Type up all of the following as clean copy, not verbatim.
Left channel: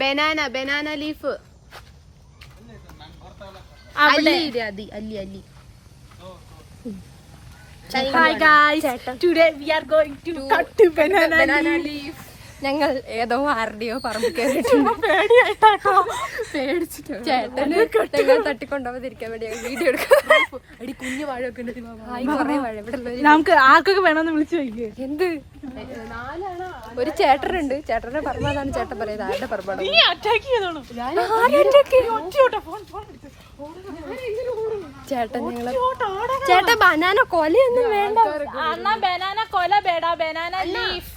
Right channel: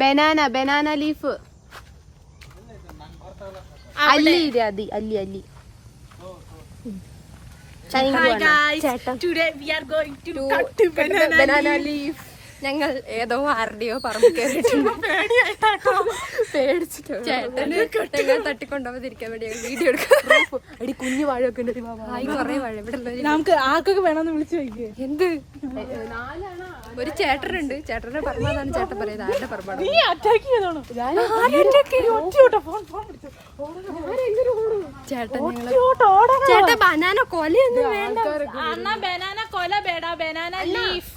Banana leaf. അല്ലി അല്ലി അല്ലി. Hi guys, today we are going to cut banana leaf. ഞങ്ങൾ ഏതോ ആരുടെയോ പറമ്പ് കയറിയിട്ടുണ്ട്. ചേട്ടന് ഞങ്ങൾ തട്ടിക്കൊണ്ടുപോകാതിരിക്കാൻ വേണ്ടി വീഡിയോ എടുക്കാം. കുഞ്ഞു വാഴയൊക്കെ കൊറേ വാഴ ഇവിടെ ഉള്ള. നമുക്ക് ആർക്കൊക്കെ വേണമെന്ന് വിളിച്ചു നോക്കിയേ. എന്ത് ഒരു ചേട്ടനുണ്ട്, ചേട്ടന്റെ പറമ്പ്. അതാണ് ചേട്ടൻ പറയുന്നത്. ആരുടെ പറമ്പാണ്? ചേട്ടൻ ഞങ്ങളെ ചേട്ടൻ ബനാന കൊലയൊന്നും വേണ്ട. അണ്ണാ ബനാന കൊല ബേടാ, ബനാന ലീഫ്.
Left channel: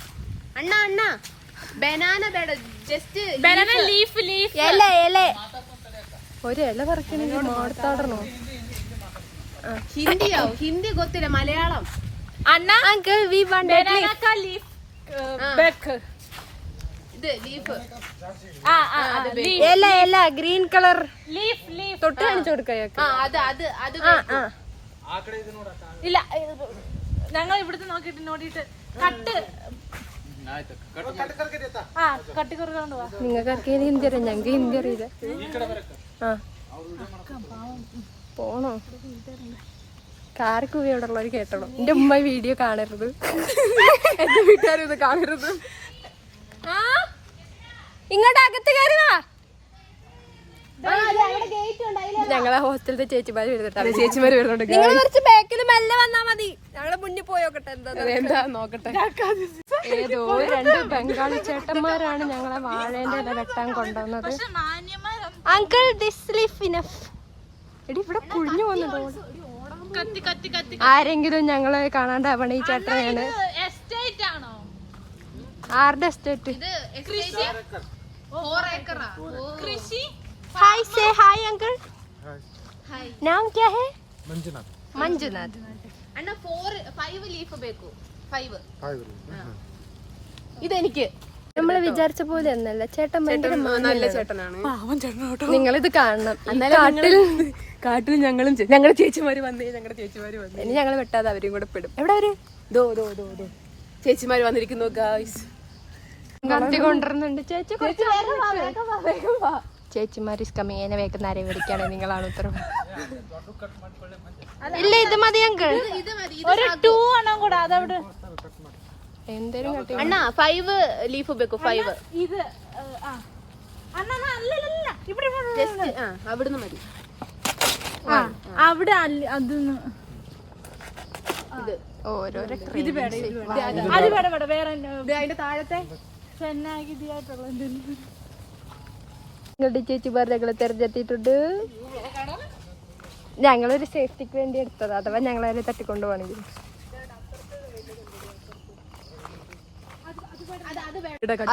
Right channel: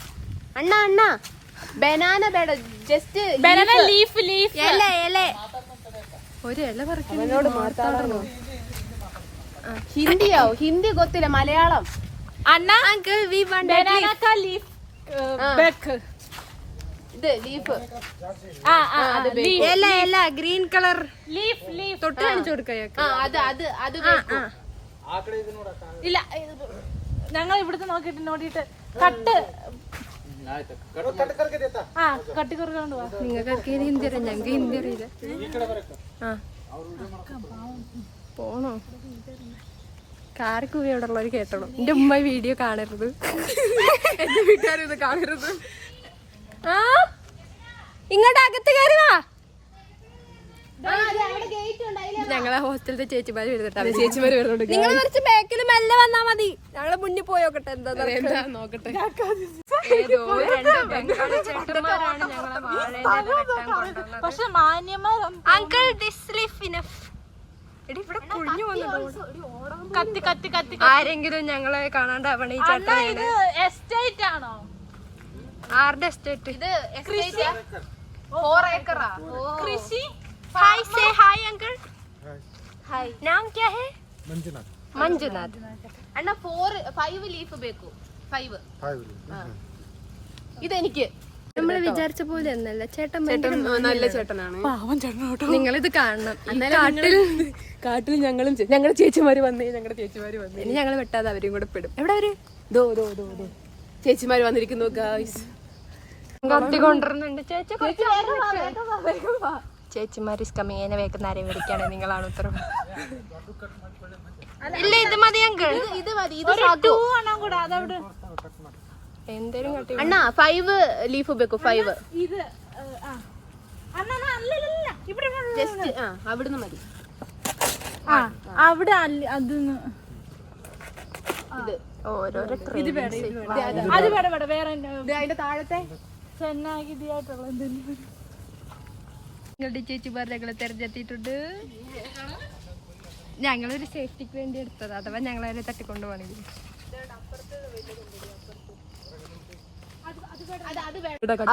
അണ്ണ ബനാന ബേട, ജസ്റ്റ് ബനാന ലീഫ്. ഇല ഒരു ഇല പറിക്കണെങ്കിൽ മാർത്താടണോ? ഹിന്ദിയോ? ഹിന്ദി ഗൊത്തില്ല, മലയാളം. അണ്ണാ അങ്കിൾ വി വാണ്ട് ലീഫ് ബെക്ക്. ഇത് ലീഫ്. ഇല ഗ്രീൻ കളർ ലീഫ് തൊട്ട് കാണിച്ചു കൊടുക്കാം. ഇല്ല, ഞങ്ങൾ ഇവിടുത്തെ നോക്കിട്ട് കട്ട് കട്ടിക്കുറക്കൊണ്ട് പോവാ. നിങ്ങൾക്ക് ഹിന്ദി അറിയാം, ഞങ്ങൾക്ക് ഹിന്ദി അറിയില്ല. പോണോ? കാരക്കുവി അവിടെ ഉള്ളവർ കേട്ടോളൂ. എന്റെ ഉമ്മ വീഡിയോ കാണരുത്, എന്റെ വീട്ടുകാരിത് കാണരുത്. ഇങ്ങോട്ട് അകത്ത് കയറുവാ. ഞങ്ങളെ ഹോസ്റ്റലിലെ ചേച്ചിമാര് വരുന്നുണ്ട്. ചേച്ചിമാര് വരുന്നുണ്ട്. നിങ്ങൾ കുറച്ച് ബാക്കിൽ മെല്ലെ വന്നാ മതി. ഞങ്ങളെ മുന്നിൽ പോയോക്കട്ടെ. എന്താ നോക്കട്ടെ. ഏതോ 2 ബംഗാളി ചേട്ടന്മാരാണ് ഞങ്ങളെ വാഴേന്റെ ഇല വെട്ടാൻ കൊണ്ടുവന്നത്. Uncle this leaf enough. എടി ഇവിടെ കുഴിഞ്ഞു വന്നിട്ടോ. ആരെങ്കിലും ഞങ്ങളെ കാണാണ്ടാവണ ഈ ചേട്ടനാണ്. ആരുടെ എസ്റ്റേറ്റ്? हाय से हाय अंकल. हाय नाम क्या है? मंजुनाथ. അണ്ണ 5 ലീഫ് ബേക്കു. 5 ഇതെനിക്ക്. നമ്മള് വിചാരിച്ച പോലെ ഒന്നല്ല ചേട്ടൻ. നല്ല ചേട്ടനാണ്. നിങ്ങളിത് കാണണം. കാട്ടിൽ ഞങ്ങളുടെ ചേച്ചിമാര് വന്നേ. ഇനി ഞങ്ങൾ വെട്ടാതെ അവരെയും കൂടെ പെടും. എവിടെ അവര്? ചേച്ചിമാര് വന്നിരിക്കുന്നു ഗായ്സ്. കത്തി കൊണ്ടുവരുന്നുണ്ട്. ചേച്ചിമാര് കമ്മീനെ വേക്കുന്നവരെ വിളിക്കാണ്. നിങ്ങളാണ് ഉത്തരവ്. ഇല്ല ഇത് മതി അങ്കിൾ. എന്തേലും കട്ടി. അണ്ണ 5 ലീഫ് ബേക്കു. 5 ഇത് ജസ്റ്റ് അവിടുന്ന് മതി. അവിടെ അതൊന്ന് ഓരോരോ അത് വേറെ അതിന്റെ താഴത്തെ ചെന്നായി ഇതിയായിട്ടുള്ള എന്തെങ്കിലും. നിങ്ങളുടെ ചേച്ചിമാർ ഞങ്ങളെ തെരഞ്ഞെത്തിയിട്ടുണ്ട്. ഞങ്ങളൊരു സേഫ്റ്റിക്ക് വേണ്ടി എടുത്തത്. അഥവാ ഞങ്ങളതിനെ തട്ടിക്കൊണ്ടുപോകണമെങ്കിൽ.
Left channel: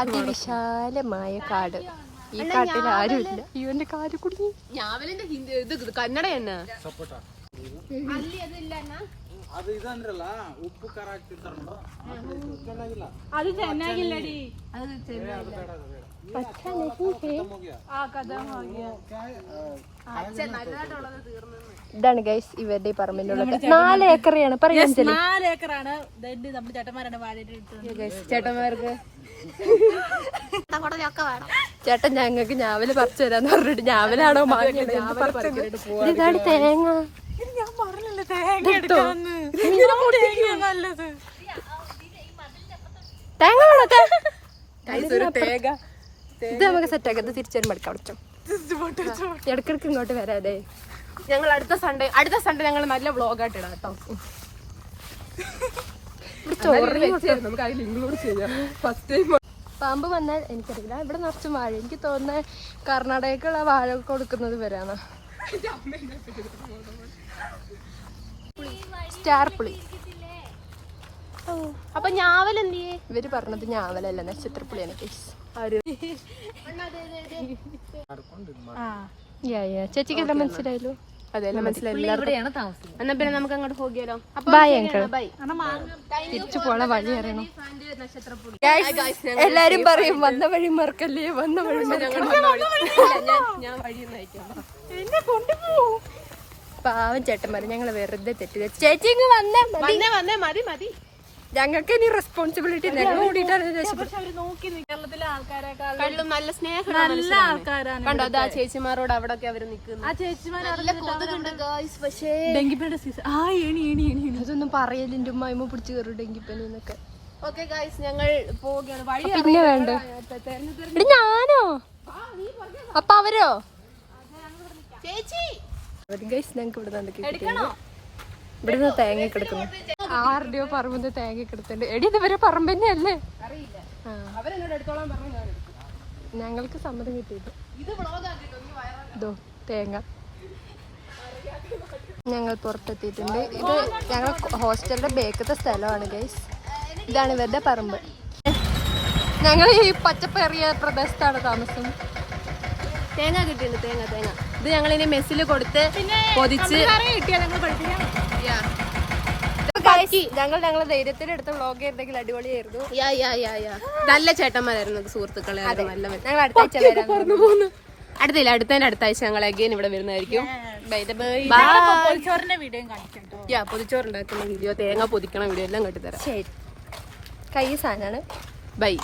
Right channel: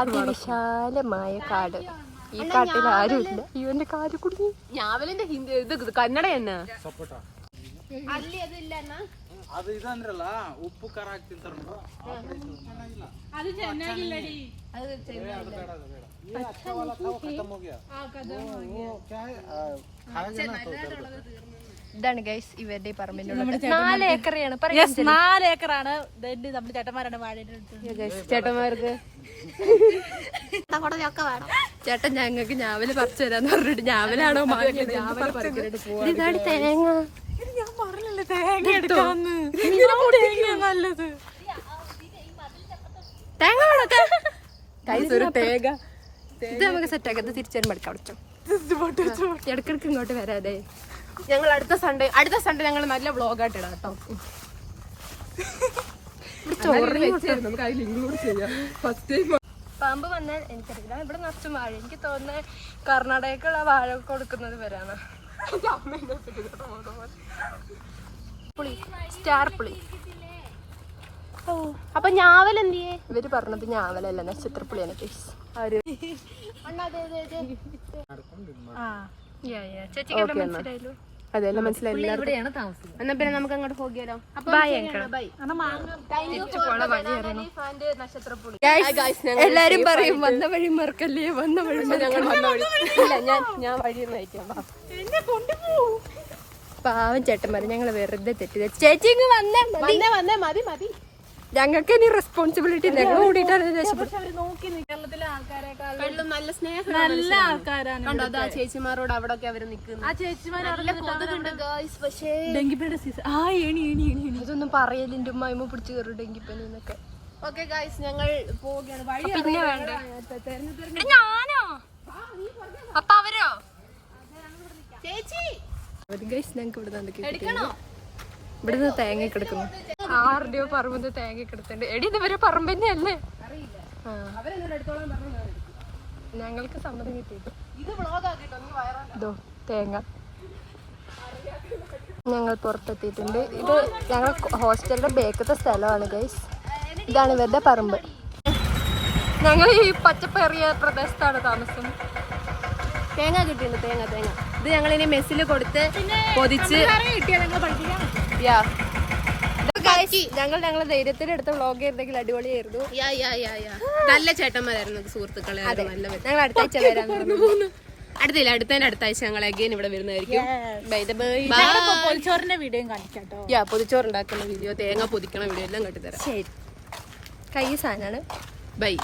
അതിവിശാലമായ കാട്. ഈ കാട്ടിൽ ആരുമില്ല. ഇവന്റെ കാല് കുടുങ്ങി. ഞാവലിന്റെ ഇത് കന്നഡ തന്നെ. ಅದು ಇದಂದ್ರಲ್ಲ ಉಪ್ಪು ಖಾರ ಹಾಕ್ತಿರ್ತಾರಲ್ಲ ಅದು ಚೆನ್ನಾಗಿಲ್ಲಡಿ. ഇതാണ് ഗൈസ് ഇവരുടെ പറമ്പിനുള്ളത്. 4 ഏക്കറാണ് പറയാൻ. 4 ഏക്കറാണ്. നമ്മുടെ ചേട്ടന്മാരാണ് വാഴയുടെ ചേട്ടന്മാർക്ക് ചേട്ടൻ ഞങ്ങൾക്ക് ഞാവല് പറിച്ചു തരാന്ന് പറഞ്ഞിട്ട് ഞാവലാണോ ഇതാണ് തേങ്ങ. ഞാൻ പറഞ്ഞില്ല തേങ്ങ നല്ലത്. ഇത് നമുക്ക് സെറ്റാക്കാം. ഇത് തിരിച്ചു വരുമ്പോ എടുക്കാം. ഇടക്കിടക്ക് ഇങ്ങോട്ട് വരാതെ. ഞങ്ങൾ അടുത്ത സൺഡേ ഞങ്ങൾ നല്ല വ്ളോഗായിട്ട് ഇടാം കേട്ടോ. പാമ്പ് വന്നാൽ എനിക്കറിയില്ല. ഇവിടെ നിറച്ചും വാഴ. എനിക്ക് തോന്നുന്നത് കർണാടകക്കുള്ള വാഴ കൊടുക്കുന്നത് വരാണ്. സ്റ്റാർ പുളി. അപ്പൊ ഞാവൽ എന്ത് ചെയ്യേ? ഇവര് പറഞ്ഞത് ഞാവലല്ല, നക്ഷത്രപ്പുളിയാണ്. ചേച്ചിക്ക് എല്ലാം മനസ്സിലായല്ലോ. അതെല്ലാം മനസ്സിലായില്ല. എന്നാ പിന്നെ നമുക്ക് അങ്ങോട്ട് പോകിയാലോ. തിരിച്ചു പോണ വഴി അറിയണം. എല്ലാരും പറയും വന്ന വഴി മറക്കല്ലേ, വന്ന വഴി ഞാൻ വഴി പാവം ചേട്ടന്മാര് ഞങ്ങള് വെറുതെ തെറ്റി. ചേച്ചി ഇങ്ങ് വന്നേ. മതി. ഞങ്ങൾക്ക് ഇനി റെസ്പോൺസിബിലിറ്റി ഞങ്ങൾ ഓടിയിട്ടാണ് രക്ഷപ്പെടും. കേരളത്തിലെ ആൾക്കാരെക്കാൾ നല്ല സ്നേഹം നല്ല ആൾക്കാരാണ്. കണ്ടോ അതാ ചേച്ചിമാരോട് അവിടെ ഒക്കെ അവര് നിൽക്കുന്നത്. ആ ചേച്ചിമാർ പക്ഷേ ഡെങ്കിപ്പനിയുടെ സീസൺ. ആ ഏണി അതൊന്നും പറയലിന്റെ ഉമ്മായ്മ പിടിച്ച് കയറും ഡെങ്കിപ്പനി എന്നൊക്കെ. ഓക്കെ ഗായ്സ് ഞങ്ങൾ പോവുകയാണ്. വഴി പിന്നെ വേണ്ട ഞാനോ അപ്പൊ അവരോ ചേച്ചി ഗൈസ് ഞങ്ങൾക്ക് ഇവിടെ നിന്ന് ഇവിടുന്ന് തേങ്ങ കിടക്കുന്നു. 6 രൂപ പറമ്പ് തേങ്ങ കിടത്തുന്നുണ്ട്. എടി ഇത് ഇവരെ പറമ്പ് തന്നെയല്ലേ? അവരെന്നോട് എടുത്തോളാൻ പറഞ്ഞു. ഞങ്ങൾക്ക് സമ്മതം കിട്ടിയിട്ട് ഇതോ തേങ്ങ ഞങ്ങൾ പുറത്തെത്തിയിട്ടുണ്ട്. ഇത് ഞങ്ങൾ ഹോസ്റ്റലിന്റെ ബേക്കത്തെ സ്ഥലമാണ് ഗൈസ്. ഇതാണ് ഇവരുടെ പറമ്പ്. ഞങ്ങൾ ഈ പച്ചപ്പേറിയ പ്രദേശത്താണ് താമസം. തേങ്ങ കിട്ടിയിട്ടുണ്ട്. തേങ്ങ ഇത് ഞങ്ങൾ ഇനി മെസ്സിൽ കൊടുത്ത് പൊതിച്ച് കിട്ടിയാ ഞങ്ങൾ പഠിപ്പിക്കാൻ. ഞങ്ങളെ ധൈര്യത്തിലെടുത്ത വ്ളോഗ് ചെയ്തെങ്കിൽ അടിപൊളിയായിരുന്നു. നല്ല ചേട്ടന്മാരായിരുന്നു സുഹൃത്തുക്കളെ. ഞങ്ങൾ അടുത്ത ആഴ്ച വരാൻ അടുത്തതിന്റെ അടുത്ത ആഴ്ച ഞങ്ങൾ അഗൈൻ ഇവിടെ വരുന്നതായിരിക്കും. പൊതിച്ചോറിന്റെ വീഡിയോ കാണിക്കാം. പൊതിച്ചോറുണ്ടാക്കുന്ന വീഡിയോ, തേങ്ങ പൊതിക്കണ വീഡിയോ എല്ലാം കെട്ടിത്തരാം. ശരി. കൈ സാധനമാണ്. ബൈ.